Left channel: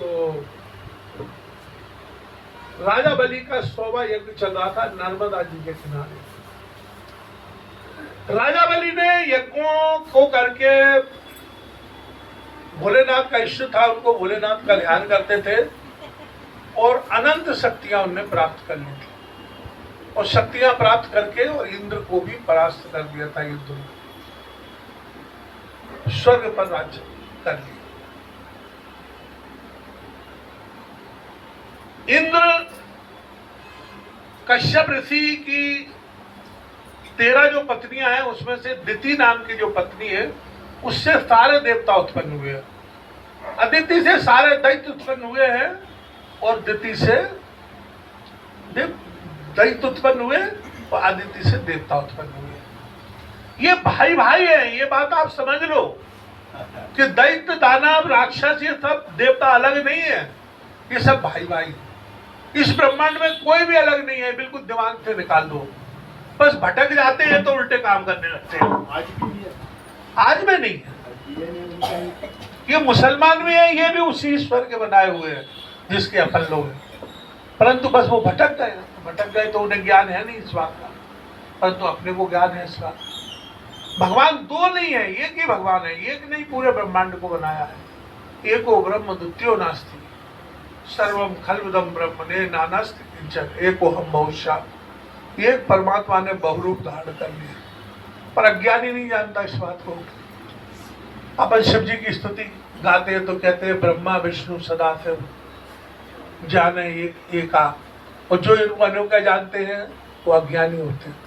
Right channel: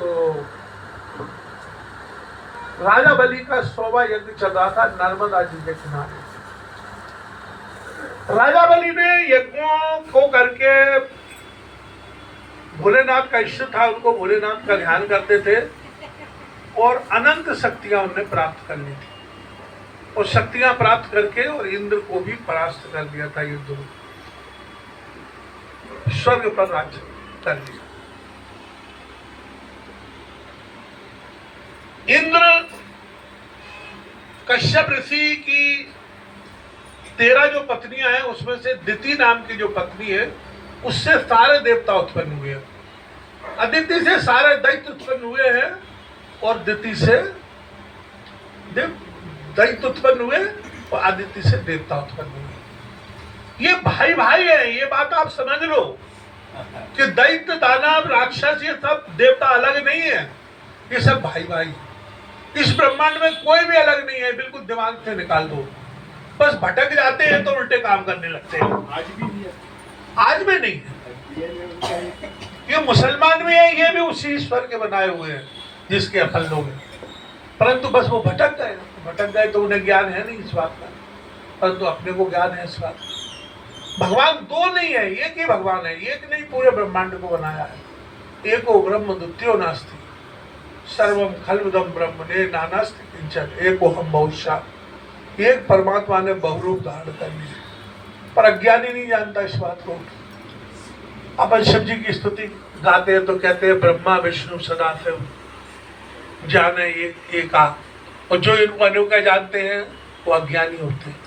तो राजा बलि का 100वां यज्ञ चल रहा था नर्मदा जी के किनारे। राजा बलि ने यज्ञों को करके भोलेनाथ का इष्ट था, उनको भोलेनाथ का ध्यान करते थे और अनंत शक्तियां उन्हें प्राप्त करनी थी, और शक्तियां प्राप्त करके और इंद्र को भी परास्त कर दिया था युद्ध में, स्वर्ग पर राज्य कर लिया। इंद्र कश्यप ऋषि की 13 जो पत्नियां हैं उसमें से दिति नाम की जो पत्नी है उससे सारे देवता उत्पन्न हुए हैं। अदिति से सारे दैत्य उत्पन्न हुए हैं और दिति से दैत्य उत्पन्न हुए और अदिति से देवता उत्पन्न हुए। ये भाई भाई है, ये बात आप समझ लो कि दैत्य दानव राक्षस ये सब देवता अलग नहीं है, ये सब भाई भाई। इस ब्रह्मांड में कोई भी अलग नहीं है, बिल्कुल दिमाग से निकाल दो। बस भटक जाते हैं तो उल्टे काम करने लगते हैं। आज भी नहीं है, आज में नहीं है, ये मुसलमान में है, ये भी उसी ईश्वर के बनाए हुए हैं जिसके अकल लोग हैं, परंतु बस वो भटक गए तो उन्हें ज्ञान है नहीं इस बात का, परंतु अपने को ज्ञान है इस बात का। भगवान दो नहीं है, एक ही भगवान है, एक नहीं पूरे ब्रह्मांड को बनाया है। एको ब्रह्म द्वितीयो नास्ति सर्वम खल्विदम ब्रह्मणे नानास्ति किंचन एको हम बहुशा। एक परमात्मा ने बहुरूप धारण कर लिया, पर अज्ञानी नहीं जानता इस बात को। अपन शिव जी की स्तुति गाते हैं तो कहते हैं ब्रह्मा विष्णु सदाशिव जाने एका, और जो इनको अनोखा जानते हैं वो अज्ञानी होते हैं।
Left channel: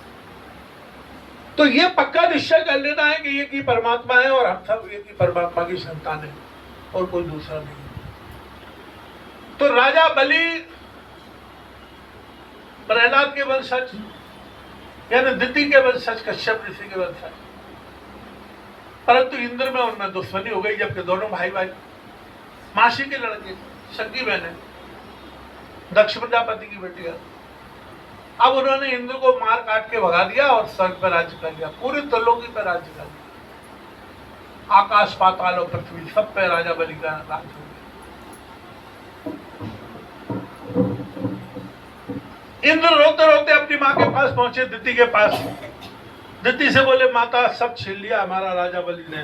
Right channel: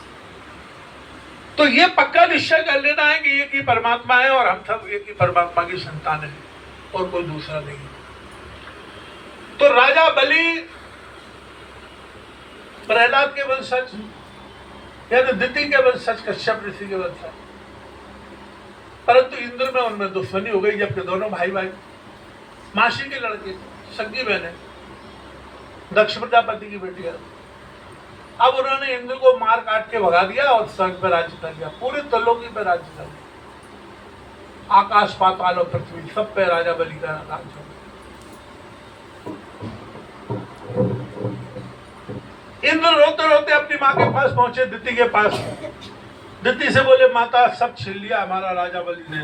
तो ये पक्का निश्चय कर लेना है कि एक ही परमात्मा है और हम सब एक ही परमात्मा की संतान है और कोई दूसरा नहीं। तो राजा बलि प्रहलाद के वंशज यानी दिति के वंशज, कश्यप ऋषि के वंशज, परंतु इंद्र में उनमें दुश्मनी हो गई, जबकि दोनों भाई भाई मासी के लड़के, सगी बहने, दक्ष प्रजापति की बेटियां। अब उन्होंने इंद्र को मार काट के भगा दिया और स्वर्ग पर राज्य कर लिया, पूरे त्रिलोकी पर राज्य कर लिया। आकाश पाताल और पृथ्वी सब पे राजा बलि का राज हो गया। इंद्र रोते रोते अपनी माँ के पास पहुंचे, दिति के पास। दिति से बोले माता सब छीन लिया हमारा राजा बलि ने,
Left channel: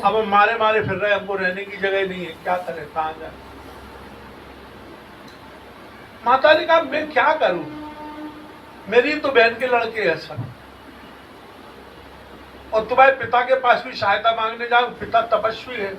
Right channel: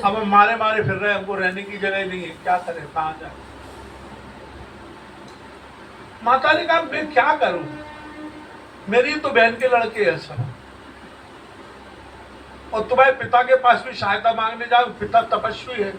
अब हम मारे मारे फिर रहे, हमको रहने की जगह नहीं है, क्या करें, कहां जाए। माता ने कहा मैं क्या करूं, मेरी तो बहन के लड़के हैं सब, और तुम्हारे पिता के पास भी सहायता मांगने जाओ, पिता तपस्वी है,